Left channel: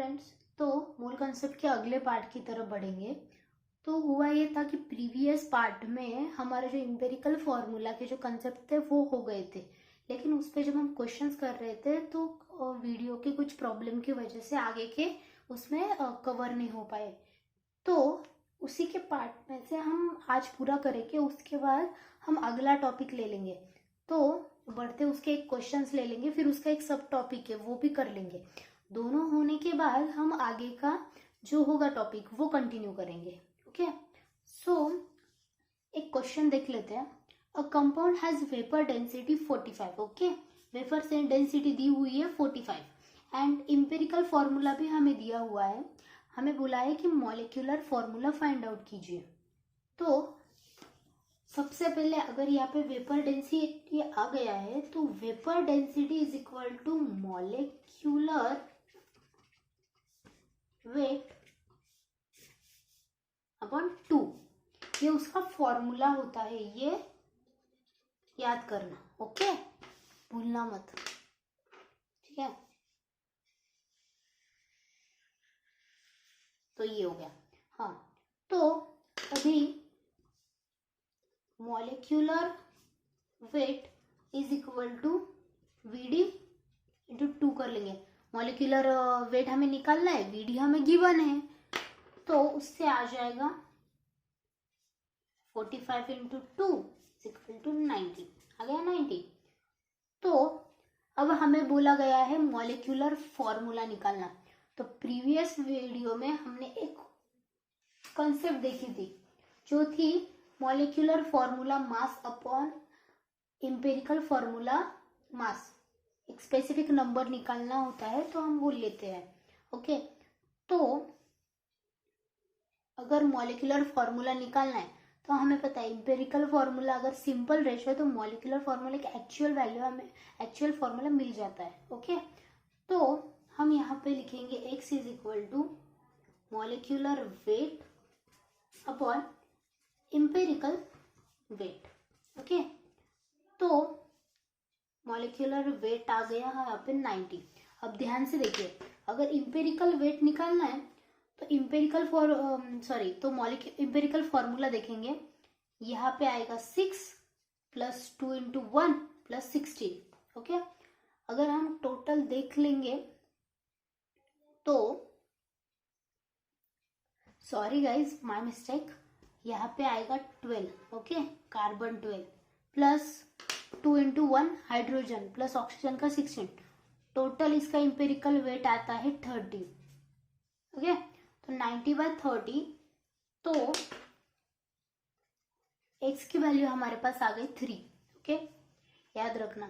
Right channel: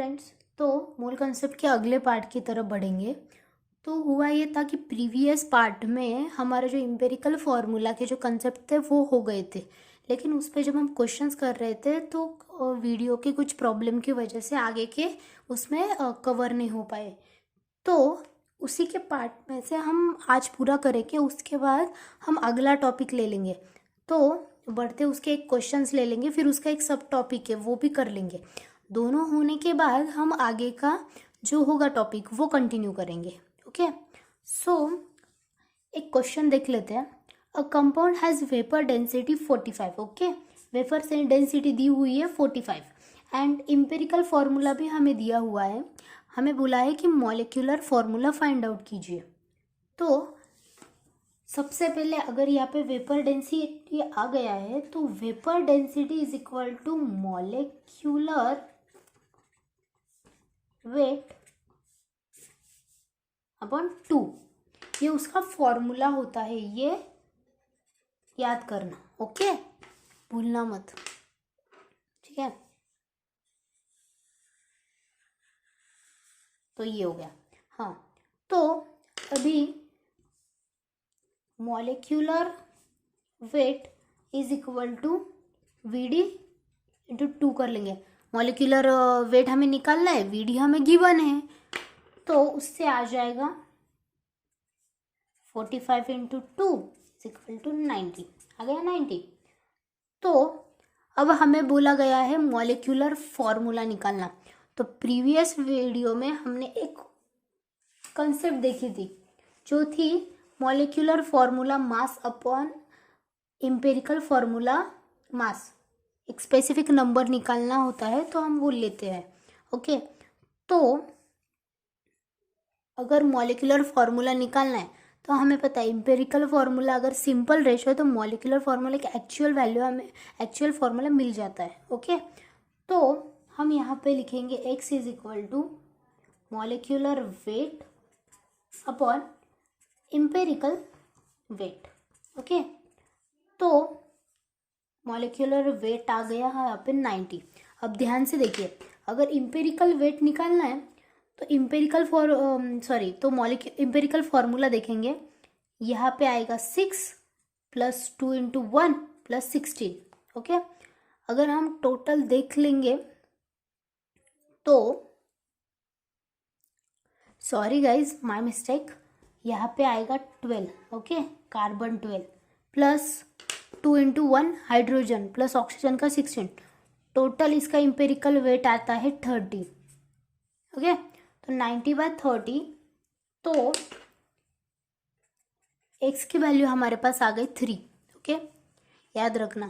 Friends, तो मूल concept के अगले पार्ट की तरफ बढ़ेंगे। तो हुआ ये था कि प्रीवियस पार्ट में हमारे जो इम्पेरिकल फार्मूला के जो कंसेप्ट थे वो हो गए थे, लेकिन उस पर जब हम क्वेश्चंस कर रहे थे तो वीडियो की कुछ प्रॉब्लम की वजह से आगे के उसमें कवर नहीं हो पाए। तो उसी के पार्ट में से हम आज पूरा करेंगे, उसके बाद हम अगला टॉपिक ले लेंगे। तो बढ़ते उसके एक क्वेश्चंस ले लेंगे, फिर उसका एक सब टॉपिक है वो भी कर लेंगे। दोनों होने के बाद हम आगे का जो होगा टॉपिक वो कंटिन्यू करेंगे। ओके, सो एक क्वेश्चन देख लेते हैं। A compound has vapour density 45। Okay, vapour से डेंसिटी दी हुई है 45 एंड इम्पेरिकल फॉर्मूला भी हमें दिया हुआ है। हमें बोला है कि मॉलिक्यूलर फॉर्मूला फाइंड आउट कीजिए। तो सबसे पहले अगर यहाँ पे वेपर डेंसिटी आ गया है तो vapour density is equal to molecular weight upon 2। ये उसका फॉर्मूला होता है, ये याद करना। ओके, भूलना मत, ठीक है। तो ये हो गया। हाँ, तो अभी molecular weight is equal to VD into 2 कर लेंगे। मॉलिक्यूलर वेट हमें निकालना है, वीडी हमें गिवन है, तो उससे आ जाएगा 45 इंटू 2 इज इक्वल टू 90। आ गया 90। तो अब हमें बोला गया है मॉलिक्यूलर फॉर्मूला निकालना। तो प्रीवियस वीडियो में हमने एक कंसेप्ट देखी थी जो थी molecular formula mass upon empirical formula mass. एक स्पेसिफिक नंबर निकालना होता है तो हम वो लेते हैं। ओके, तो अगर मॉलिक्यूलर फॉर्मूला निकालना है तो हमें पता है इम्पेरिकल फॉर्मूला अगर सिंपल रेशो है तो मॉलिक्यूलर फॉर्मूला की एक्चुअल वैल्यू हमें एक्चुअल फॉर्मूला मिल जाता है। ओके, तो हम यहाँ पे लिखेंगे x is equal to molecular weight upon empirical weight. Okay, तो मॉलिक्यूलर वेट आ गया है यहाँ पे 90। अब ध्यान से देखिए, अगर इम्पेरिकल वेट निकालना है तो इम्पेरिकल फॉर्मूला देखेंगे। यहाँ पे आएगा 6 प्लस 2 इंटू 1 प्लस 16। ओके, अगर हम टोटल देख लेंगे तो सॉरी गाइज, माय मिस्टेक, यहाँ पे आएगा 12। Okay, carbon 12 plus 2 into 1 hydrogen plus oxygen का 16। टोटल इसका इम्पेरिकल वेट आता है 30। ओके, तो 90/30, तो x की वैल्यू हमारे पास आ गई 3। ओके, याद रखना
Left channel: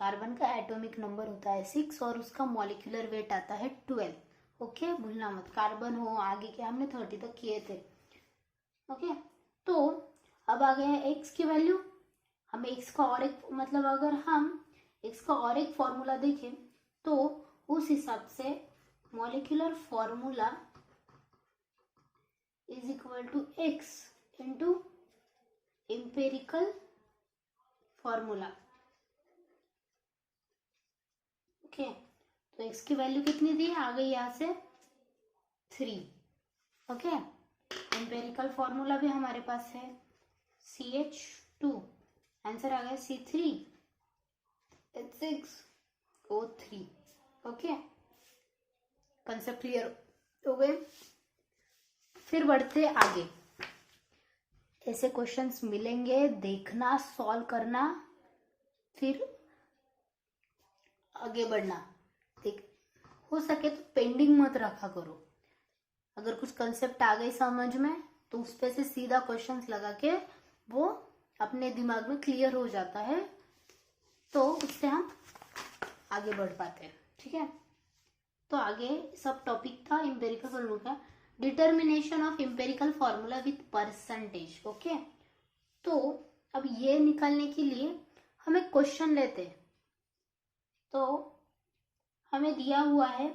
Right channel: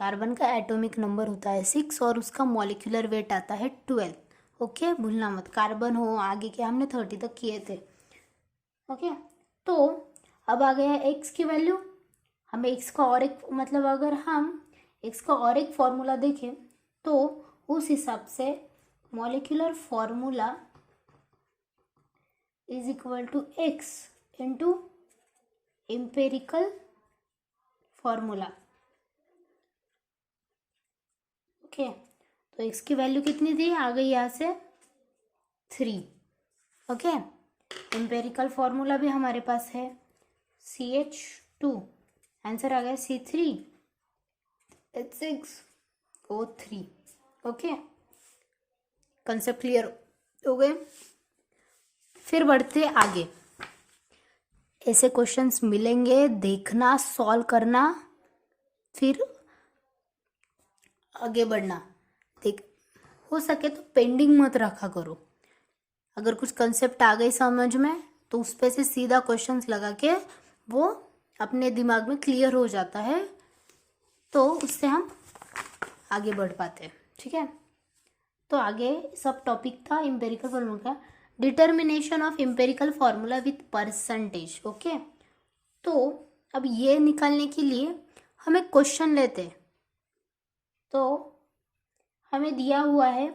कार्बन का एटॉमिक नंबर होता है 6 और उसका मॉलिक्यूलर वेट आता है 12। ओके, भूलना मत, कार्बन हो आगे के हमने 30 तक किए थे। ओके, तो अब आ गया है x की वैल्यू। हमें x का और एक मतलब अगर हम x का और एक फॉर्मूला देखें तो उस हिसाब से molecular formula is equal to x into empirical formula. Okay, तो x की वैल्यू कितनी थी, आ गई यहाँ से 3। ओके, इम्पेरिकल फॉर्मूला भी हमारे पास है CH2, आंसर आ गया C3H6O3। ओके, कंसेप्ट क्लियर हो गए। फिर बढ़ते आगे, ऐसे क्वेश्चंस मिलेंगे, देखना, सॉल्व करना, फिर आगे बढ़ना। देख, हो सके तो पेंडिंग मत रखा करो। अगर कुछ कंसेप्ट आ गई समझ में तो उस पे से सीधा क्वेश्चंस लगा के वो अपने दिमाग में क्लियर हो जाता है, तो उससे हम आगे बढ़ पाते हैं। ठीक है, तो आगे सब टॉपिक था इम्पेरिकल फॉर्मूला का, determination of empirical formula with percentage. Okay, तो अब ये निकालने के लिए हमें क्वेश्चन लेते हैं। तो हमें दिया हुआ है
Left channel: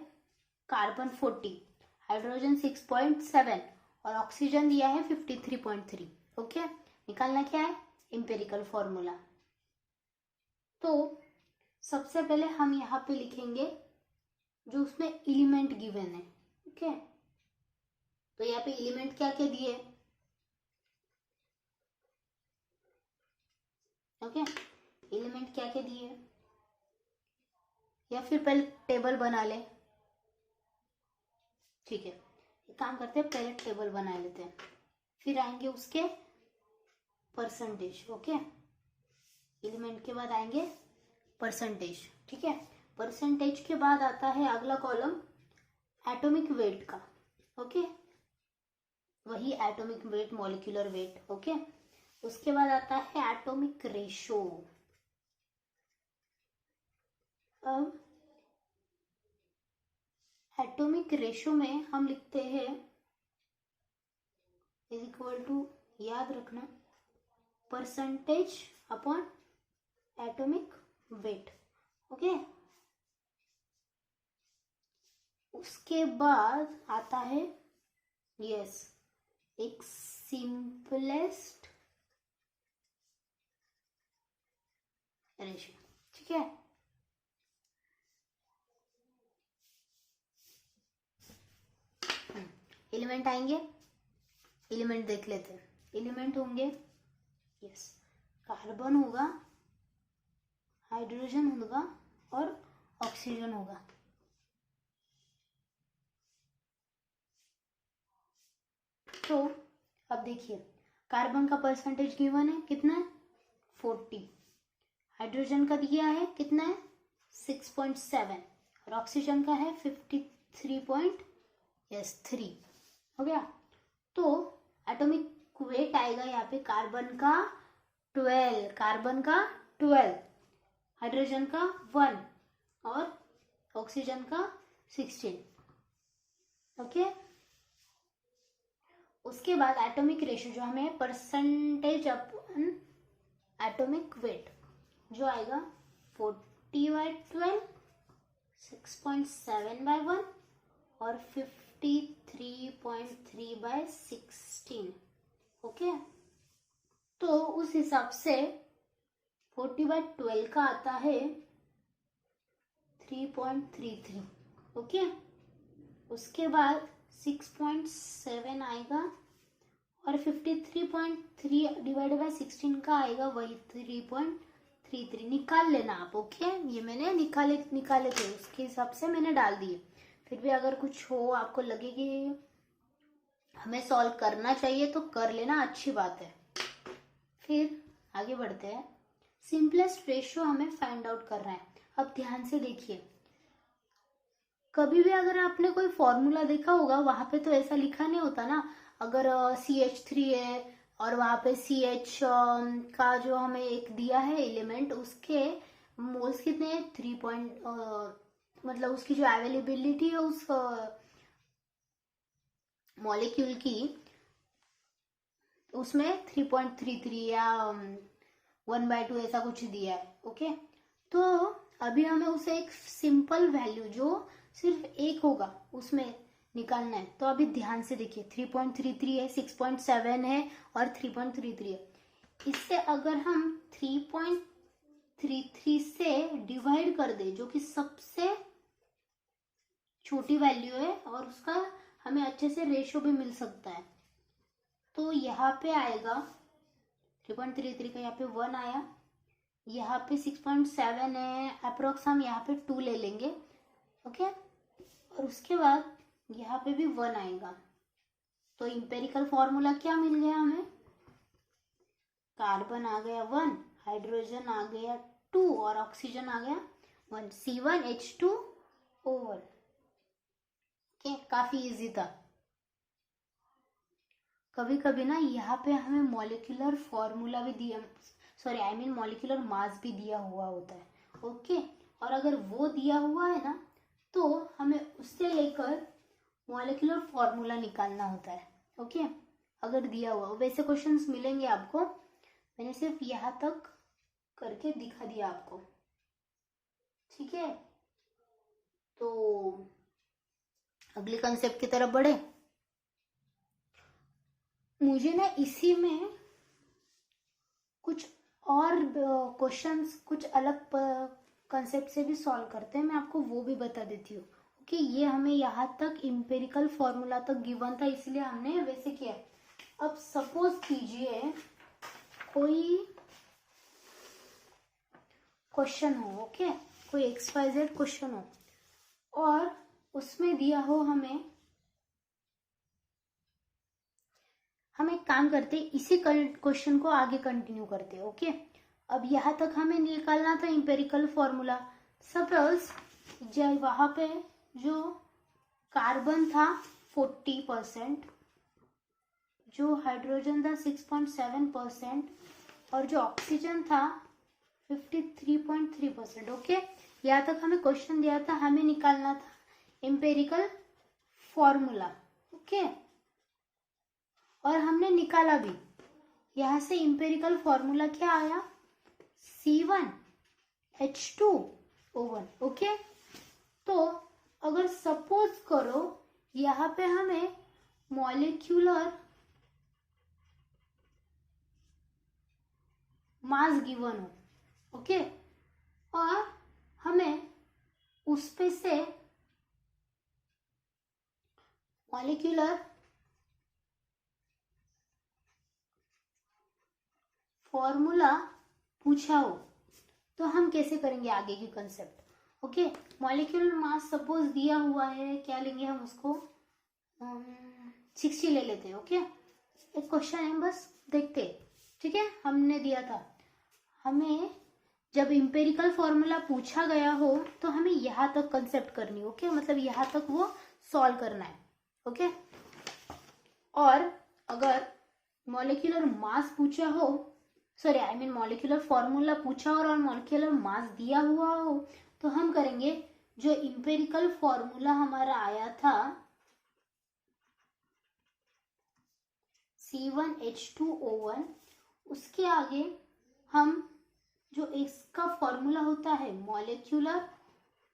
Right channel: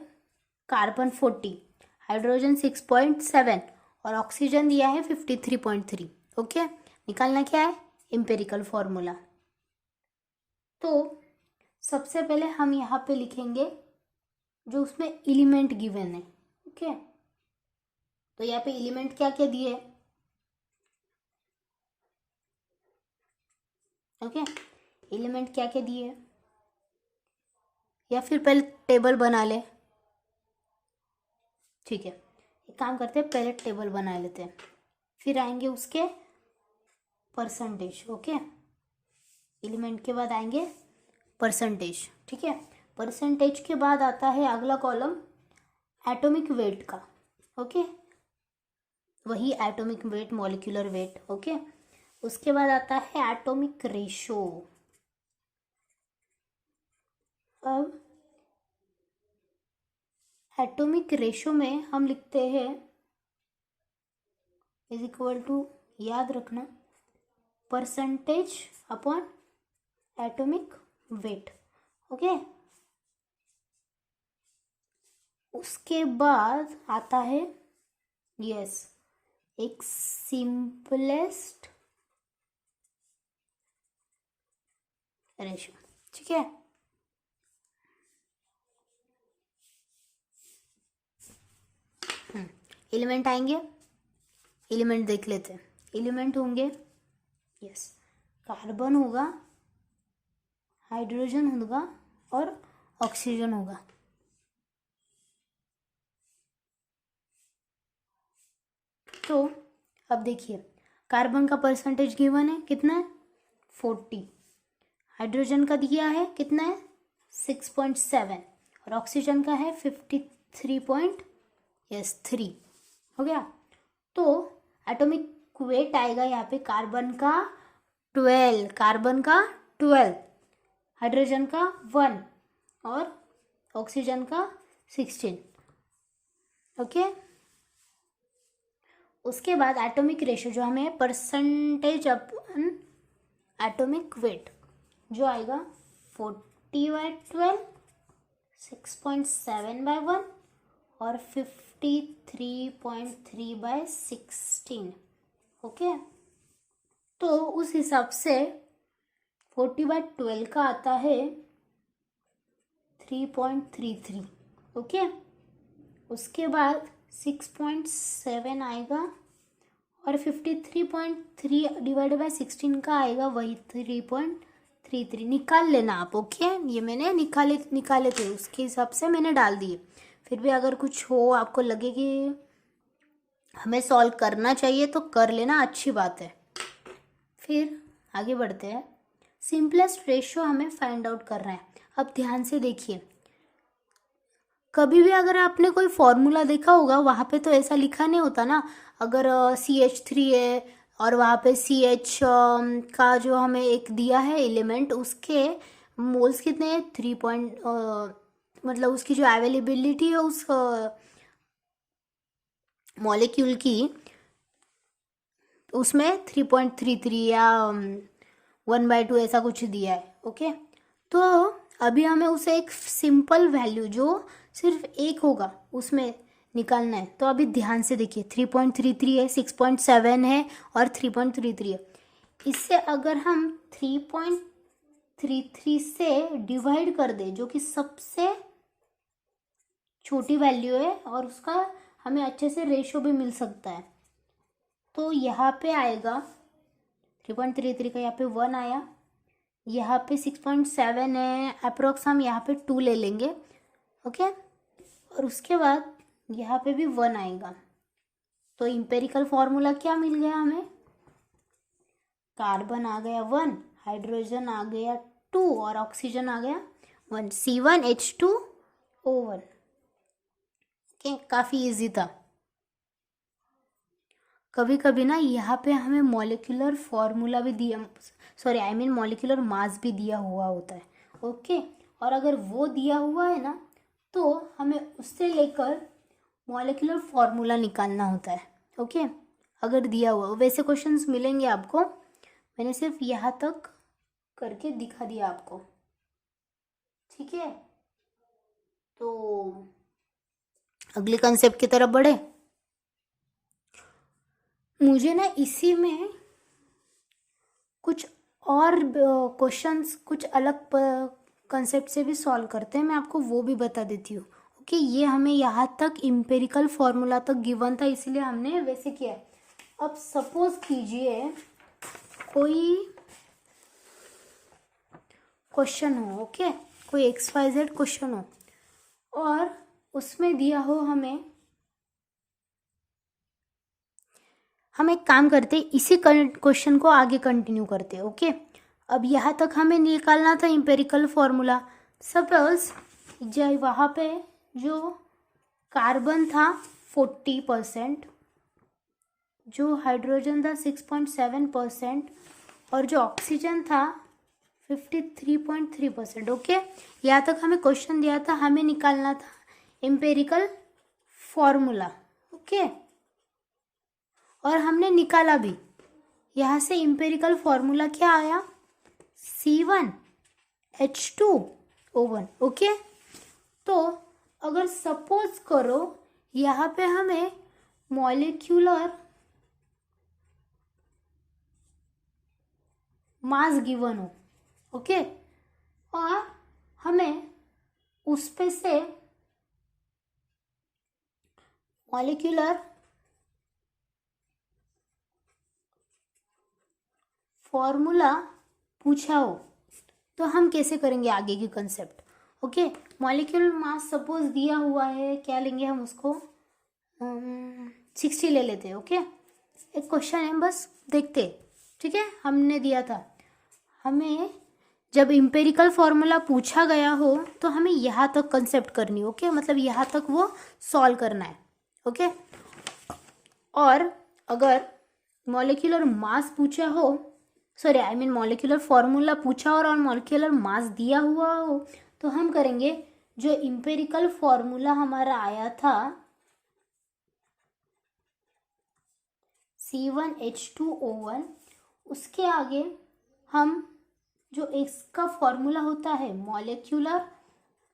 कार्बन 40, हाइड्रोजन 6.7 और ऑक्सीजन दिया है 53.3। ओके, निकालना क्या है, इम्पेरिकल फॉर्मूला। तो सबसे पहले हम यहाँ पे लिखेंगे जो उसमें एलिमेंट गिवन है। ओके, तो यहाँ पे एलिमेंट क्या क्या दिए है। ओके, एलिमेंट क्या क्या दिए है, या फिर पहले टेबल बना ले। ठीक है, एक काम करते हैं, पहले टेबल बना लेते हैं, फिर आएंगे उसके परसेंटेज। ओके, एलिमेंट के बाद आएंगे परसेंटेज। ठीक है, परसेंटेज के बाद आता है अगला कॉलम एटॉमिक वेट का। ओके, वही atomic weight, molecular weight. Okay, उसके बाद आता है एटॉमिक रेशो। अब एटॉमिक रेशो में हम लिखते हैं इज इक्वल टू, याद रखना, percentage upon atomic weight. Okay, उसके बाद आता है यस एक सिंपलेस्ट रेशो। ठीक है, एलिमेंट आएंगे, एलिमेंट देख लेते हैं। एलिमेंट होंगे यस, कार्बन होगा, हाइड्रोजन होगा और ऑक्सीजन होगा। तो अब देखिए, कार्बन का परसेंटेज गिवन है, कितना है 40, हाइड्रोजन का दिया है कितना है 6.7 और ऑक्सीजन का है 53.3। हो गया। तो एटॉमिक वेट आएगा यहाँ पे कार्बन का 12, हाइड्रोजन का 1 और ऑक्सीजन का 16। ओके, उसके बाद एटॉमिक रेशो जो हमें परसेंटेज अपन एटॉमिक वेट जो आएगा 40/12, 6.7/1 और 53.3/16। ओके, तो उस हिसाब से 40/12 का आता है 3.33। ओके, उसके बाद 6.7 आएगा और 53.3 डिवाइडेड बाय 16 का आएगा वही 3.33। निकाल लेना आप। ओके, ये मैंने निकाले थे, उसके हिसाब से मैंने डाल दिए। फिर भी अगर कुछ हो, आपको लगे कि हमें सॉल्व करना चाहिए तो कर लेना, अच्छी बात है। फिर आगे बढ़ते हैं, सिंपलेस्ट रेशियो हमें फाइंड आउट करना है। अब ध्यान से देखिए, कभी भी अगर आपने कोई फॉर्मूला देखा होगा वहाँ पे तो ऐसा लिखा नहीं होता ना। अगर CH3 है और वहाँ पे CH का जो हमें एक दिया है एलिमेंट, उसके मोल्स कितने हैं 3 पॉइंट, मतलब उसकी जो अवेलेबिलिटी है उस मॉलिक्यूल की, उसमें 3.33 या 1/2 ऐसा कुछ दिया है। ओके, तो अभी हमें उसे एक सिंपल वैल्यू जो सिर्फ एक होगा उसमें निकालना है। तो अभी ध्यान से देखिए, 3.33 है, 6.7 है और 3.33 है। इससे अगर हम 3.33 से डिवाइड कर दें, जो कि सबसे छोटी वैल्यू है और उसका हमें अच्छे से रेशो भी मिल सकता है, तो यहाँ पे आएगा 3.33 का यहाँ पे 1 आया, यहाँ पे 6.7 है अप्रोक्स, हम यहाँ पे 2 ले लेंगे। ओके, और उसके बाद यहाँ पे भी 1 आएगा। तो इम्पेरिकल फॉर्मूला क्या मिल गया हमें, कार्बन आ गया 1, हाइड्रोजन आ गया 2 और ऑक्सीजन आ गया 1, C1H2O1। ओके, काफ़ी इजी था। कभी कभी ना यहाँ पे हमें मॉलिक्यूलर फॉर्मूला भी दिया, sorry I mean molecular mass भी दिया हुआ होता है। ओके, और अगर वो दिया हुआ है ना तो हमें उससे लेकर मॉलिक्यूलर फॉर्मूला निकालना होता है। ओके, अगर दिया हुआ, वैसे क्वेश्चंस मिलेंगे आपको, मैंने सिर्फ यहाँ तक करके दिखा दिया आपको। ठीक है, तो अगले कंसेप्ट की तरफ बढ़े। मुझे ना इसी में कुछ और क्वेश्चंस कुछ अलग कंसेप्ट से भी सॉल्व करते हैं, मैं आपको वो भी बता देती हूँ। ओके, ये हमें यहाँ तक इम्पेरिकल फॉर्मूला तक गिवन था, इसलिए हमने वैसे किया। अब सपोज कीजिए कोई क्वेश्चन हो, ओके, कोई XYZ क्वेश्चन हो और उसमें दिया हो हम एक काम करते, इसी क्वेश्चन को आगे कंटिन्यू करते, ओके। अब यहाँ तक हमें निकालना था इम्पेरिकल फॉर्मूला। सपोज जब वहाँ पे जो कार्बन था 40%, जो हाइड्रोजन था 6.7% और जो ऑक्सीजन था 53.3%, ओके। यहाँ तक हमें क्वेश्चन दिया था, हमें निकालना था इम्पेरिकल फॉर्मूला, ओके। और हमने निकाला भी। यहाँ से इम्पेरिकल फॉर्मूला क्या आया? C1H2O1, okay. तो अगर सपोज करो यहाँ पे हमें मॉलिक्यूलर मास गिवन हो, ओके, और हमें उस पे से मॉलिक्यूलर फॉर्मूला पूछा हो, तो हम कैसे करेंगे आगे की concept? Okay, molecular mass suppose दिया हुआ है, क्या लेंगे हम उसको, 60 ले लेते हैं, ओके। एक क्वेश्चन है, बस देखते, ठीक है। हमने दिया था, हमें जब इम्पेरिकल फॉर्मूला पूछा गया हो तो हमें यहाँ तक कंसेप्ट करनी, ओके, मतलब यहाँ तक वो सॉल्व करना है, ओके। और अगर मॉलिक्यूलर मास पूछा हो, sorry I mean molecular formula पूछा और मॉलिक्यूलर मास दिया हुआ हो, तो हम करेंगे जो इम्पेरिकल फॉर्मूला हमारा आया था C1H2O1, उसके आगे हम जो इसका फॉर्मूला होता है molecular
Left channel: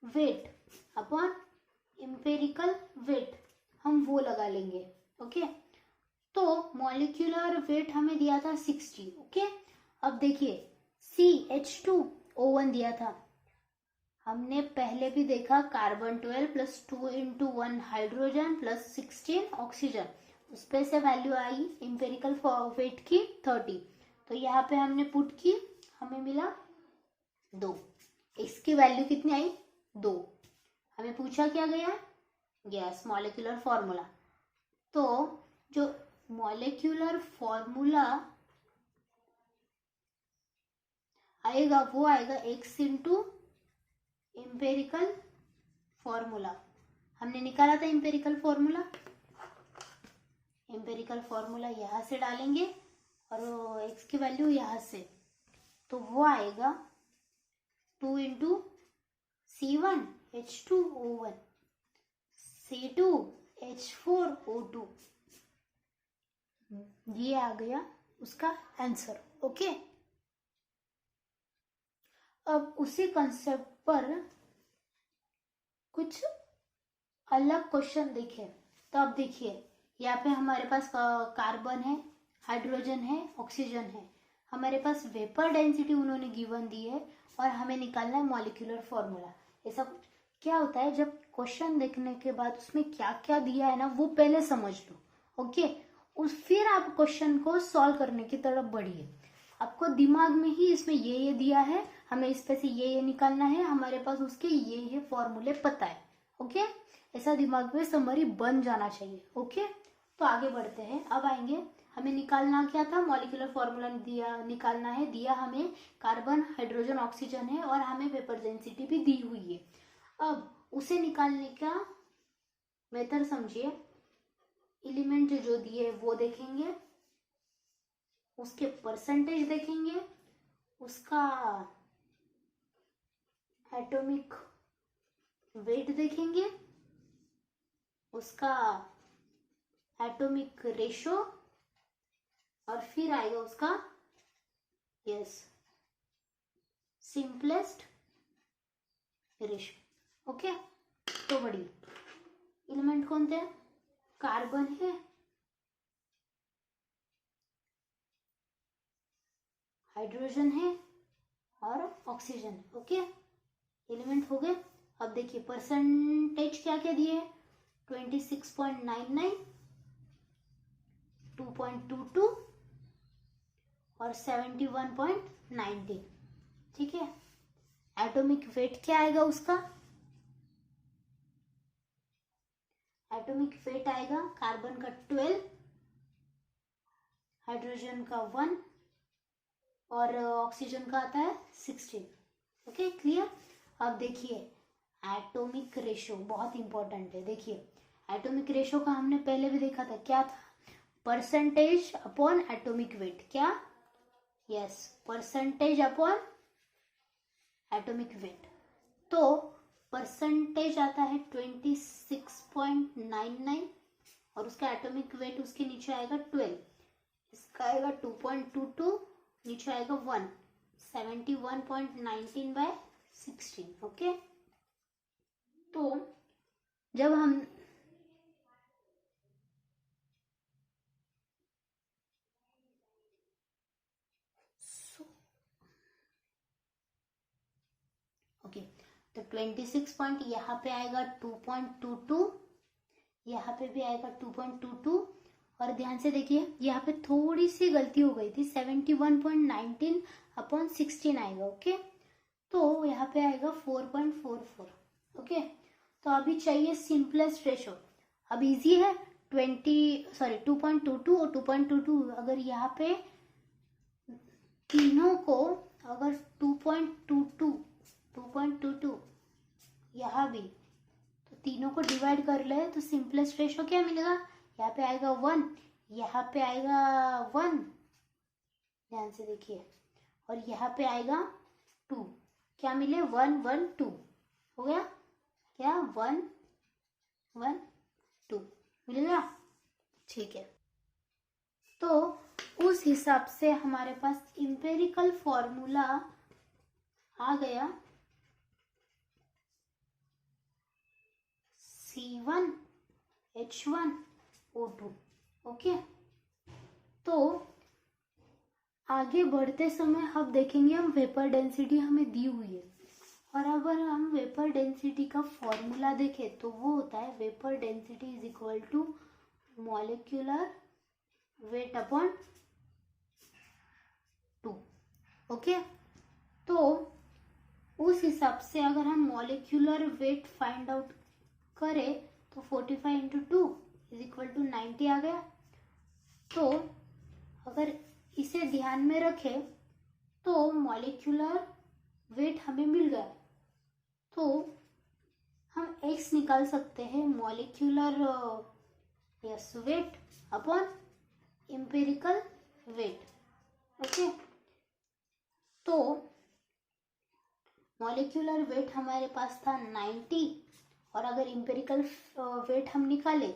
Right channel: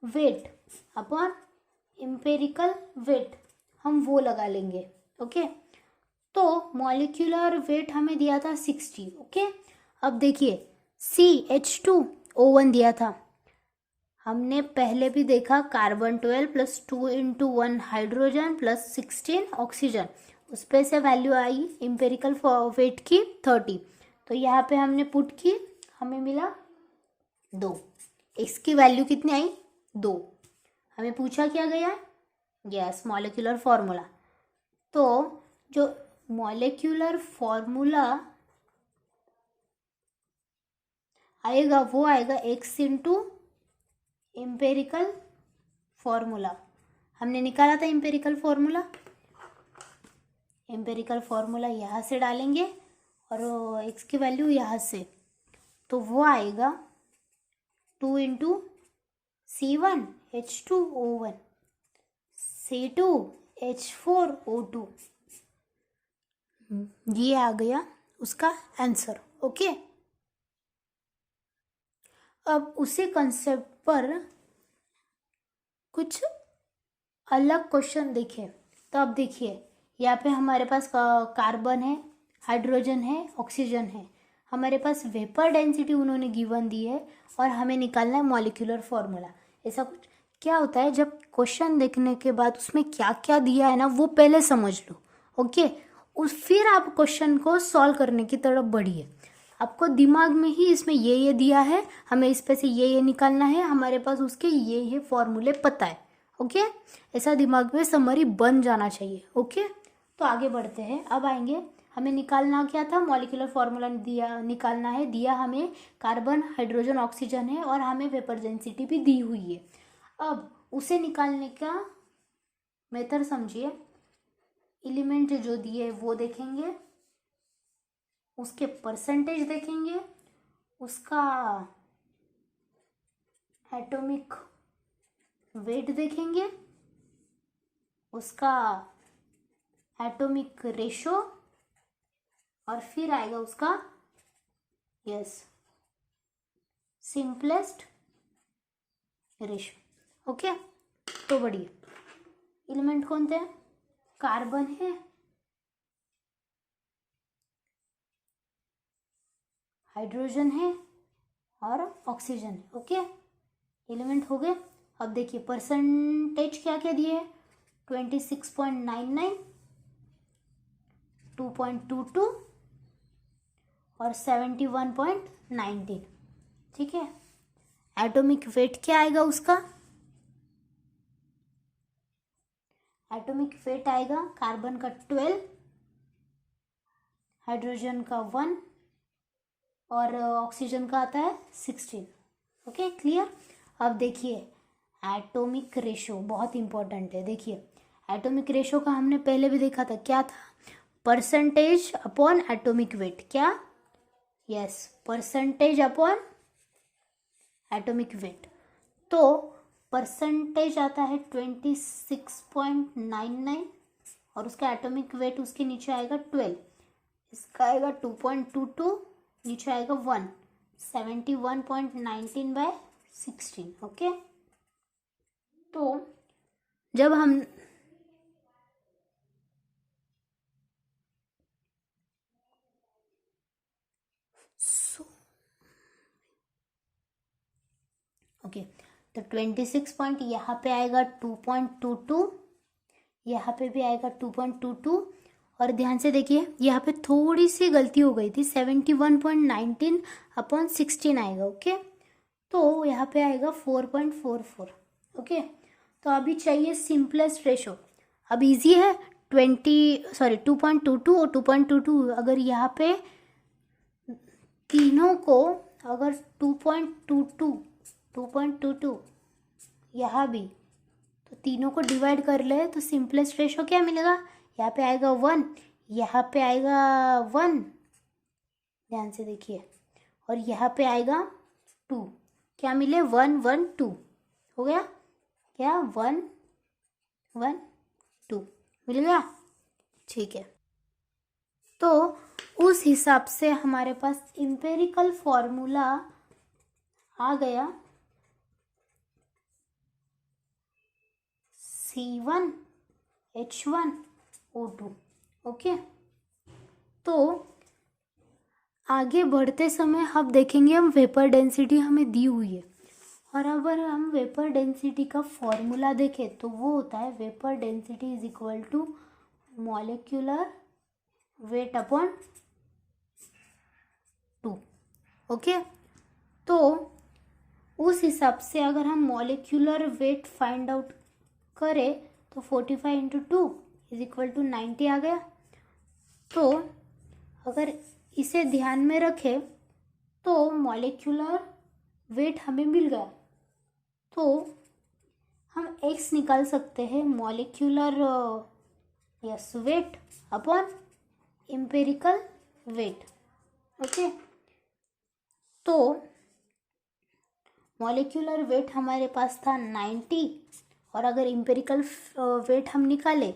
weight upon empirical weight, हम वो लगा लेंगे, ओके। तो मॉलिक्यूलर वेट हमें दिया था 60, ओके। अब देखिए CH2O1 दिया था, हमने पहले भी देखा carbon 12 plus 2 into 1 hydrogen plus 16 oxygen, उस पे से वैल्यू आई इम्पेरिकल वेट की 30। तो यहाँ पे हमने पुट की, हमें मिला 2। इसकी वैल्यू कितनी आई? 2। हमें पूछा क्या गया? Yes, molecular formula. तो जो मॉलिक्यूलर फॉर्मूला आएगा वो आएगा x इंटू इम्पेरिकल फॉर्मूला। हमने निकाला था इम्पेरिकल फॉर्मूला, इम्पेरिकल फॉर्मूला यहाँ से डालेंगे और x की वैल्यू यहाँ से, तो वो आएगा 2 इंटू C1H2O1 C2H4O2, ये आ गया उसका आंसर, ओके। अब उसी कंसेप्ट पर कुछ अलग क्वेश्चन देखें, तो अब देखिए यहाँ पे हमारे पास कार्बन है, हाइड्रोजन है, ऑक्सीजन है, हमारे पास वेपर डेंसिटी उन्होंने गिवन दी है और हमें निकालना है मॉलिक्यूलर फॉर्मूला। ऐसा कुछ क्या होता है, जब क्वेश्चन देखने के बाद उसमें क्या क्या दिया है ना वो पहले समझ लो, ओके। फिर आप क्वेश्चन को सॉल्व करने की तरफ बढ़िए। आपको दिमाग में ही इसमें ये दिया है, हमें इस पे से ये निकालना है, हमारे पास उसके ये फॉर्मूले पता है, ओके। ऐसा दिमाग में समरी बन जाना चाहिए, ओके। तो आगे बढ़ते हैं, अब आएंगे हमें निकालना क्या था, मॉलिक्यूलर फॉर्मूला दिया, निकालना है, दिया हमें कार्बन हाइड्रोजन ऑक्सीजन है और हमें वेपर डेंसिटी भी दी हुई है। अब उसे निकालने का मेथड समझिए, एलिमेंट जो दिए वो देखेंगे, उसके परसेंटेज देखेंगे, उसका एटॉमिक वेट देखेंगे, उसका एटॉमिक रेशो, और फिर आएगा उसका यस सिंपलेस्ट रेशो, ओके। तो बढ़िया, एलिमेंट कौन थे? कार्बन है, हाइड्रोजन है और ऑक्सीजन है, ओके। एलिमेंट हो गए। अब देखिए परसेंटेज क्या क्या दिए है, 26.99, 2.22 और 71.19। ठीक है, एटॉमिक वेट क्या आएगा उसका, एटॉमिक वेट आएगा कार्बन का 12, हाइड्रोजन का 1 और ऑक्सीजन का आता है 16। Okay clear. अब देखिए एटॉमिक रेशो बहुत इंपॉर्टेंट है। देखिए एटॉमिक रेशो का हमने पहले भी देखा था, क्या था, परसेंटेज अपॉन एटॉमिक वेट, क्या, yes, percentage upon atomic weight. तो परसेंटेज आता है 26.99 और उसका एटॉमिक वेट उसके नीचे आएगा 12, इसका आएगा 2.22, नीचे आएगा 1, 71.19/16। ओके, तो जब हम ओके तो 26 पॉइंट यहाँ पे आएगा 2.22, यहाँ पे भी आएगा 2.22 और ध्यान से देखिए यहाँ पे थोड़ी सी गलती हो गई थी, 71.19/16 आएगा। ओके, तो यहाँ पे आएगा 4.44। ओके, तो अभी चाहिए सिंपलेस्ट रेशो। अब इजी है, 2.22 और 2.22, अगर यहाँ पे तीनों को अगर 2.22 यहाँ भी, तो तीनों को डिवाइड कर ले तो सिंपलेस्ट रेशो क्या मिलेगा, यहाँ पे आएगा 1, यहाँ पे आएगा 1, ध्यान से देखिए, और यहाँ पे आएगा 2, क्या मिले 1 1 2, हो गया क्या 1 1 2 मिल गया। ठीक है, तो उस हिसाब से हमारे पास इंपेरिकल फॉर्मूला आ गया C1H1O2। ओके, तो आगे बढ़ते समय अब देखेंगे हम वेपर डेंसिटी हमें दी हुई है, और अगर हम वेपर डेंसिटी का फॉर्मूला देखें तो वो होता है vapour density is equal to molecular weight upon 2। Okay, तो उस हिसाब से अगर हम मॉलिक्यूलर वेट फाइंड आउट करें तो 45 इंटू 2 इज इक्वल टू 90 आ गया। तो अगर इसे ध्यान में रखें तो मॉलिक्यूलर वेट हमें मिल गया, तो हम x निकाल सकते हैं molecular yes weight upon empirical weight. Okay, तो मॉलिक्यूलर वेट हमारे पास था 90 और अगर एम्पिरिकल वेट हम निकाले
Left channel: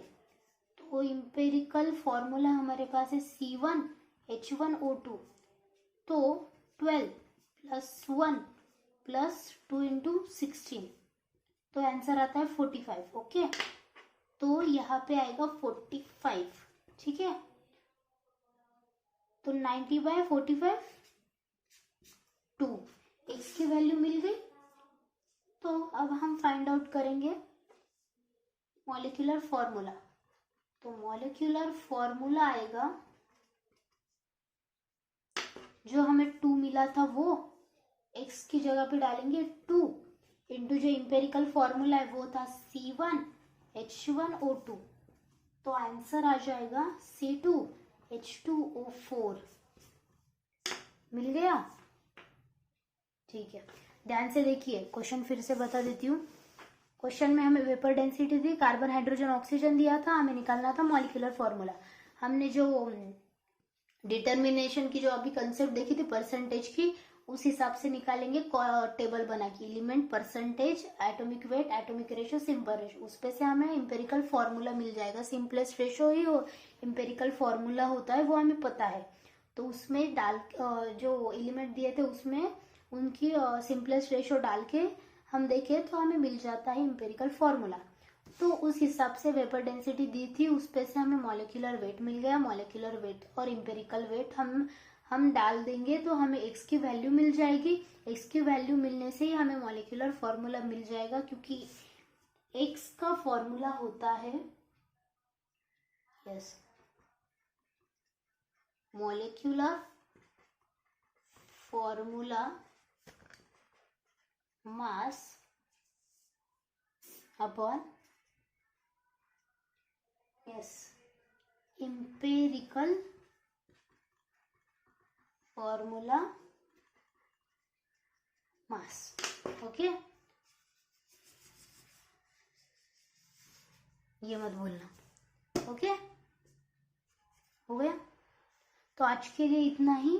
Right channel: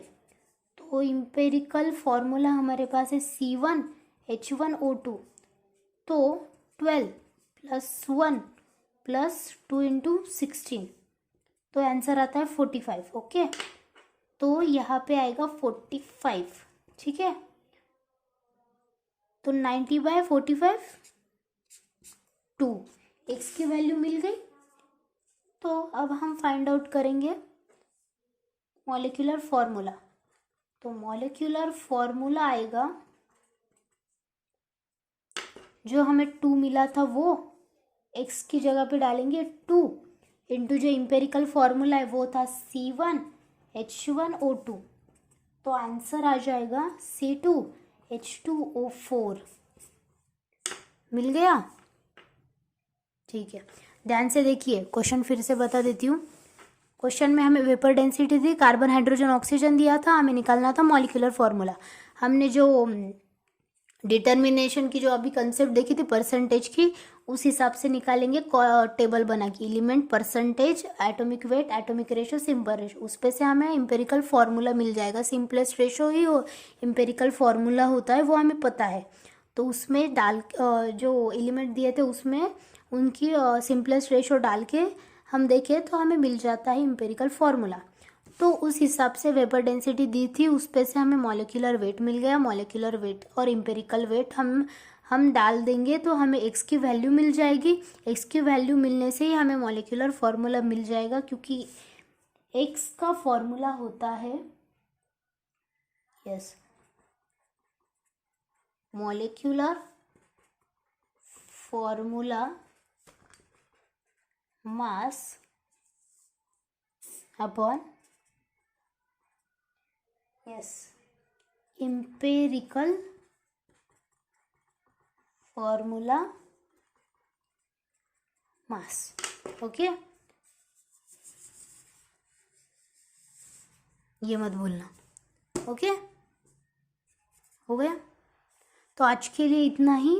तो एम्पिरिकल फॉर्मूला हमारे पास है C1H1O2, तो 12 + 1 + 2 × 16, तो आंसर आता है 45। ओके, तो यहाँ पे आएगा 45। ठीक है, तो 90/45 2, x की वैल्यू मिल गई। तो अब हम फाइंड आउट करेंगे मॉलिक्यूलर फॉर्मूला। तो मॉलिक्यूलर फॉर्मूला आएगा, जो हमें 2 मिला था वो x की जगह पे डालेंगे 2 इंटू जो इम्पेरिकल फॉर्मूला है वो था C1H1O2, तो आंसर आ जाएगा C2H2O4। मिल गया। ठीक है, ध्यान से देखिए, क्वेश्चन फिर से बता देती हूँ। क्वेश्चन में हमें वेपर डेंसिटी दी, कार्बन हाइड्रोजन ऑक्सीजन दिया था, हमें निकालना था मॉलिक्यूलर फॉर्मूला। हमने जो डिटर्मिनेशन की जो अभी कंसेप्ट देखी थी परसेंटेज की, उस हिसाब से निकालेंगे टेबल बना के, element, percentage, atomic weight, atomic ratio, simple ratio, उस पे से हमें एम्पेरिकल फॉर्मूला मिल जाएगा। सिंपलेस्ट रेशो ही एम्पेरिकल फॉर्मूला होता है, वो हमें पता है। तो उसमें डाल जो एलिमेंट दिए थे उसमें उनकी सिंपलेस्ट रेशो डाल के हम देखें तो हमें मिल जाता है एम्पेरिकल फॉर्मूला। तो उस हिसाब से वेपर डेंसिटी दी थी, उस पे से हमें मॉलिक्यूलर वेट मिल गया। मॉलिक्यूलर वेट और एम्पेरिकल वेट हम हम डाल देंगे तो हमें x की वैल्यू मिल जाएगी। x की वैल्यू मिलने से ही हमें मॉलिक्यूलर फॉर्मूला मिल जाएगा, क्योंकि x का फॉर्मूला होता है molecular formula mass upon empirical formula mass. Okay, ये मत भूलना। ओके, हो गया। तो आज के लिए इतना ही।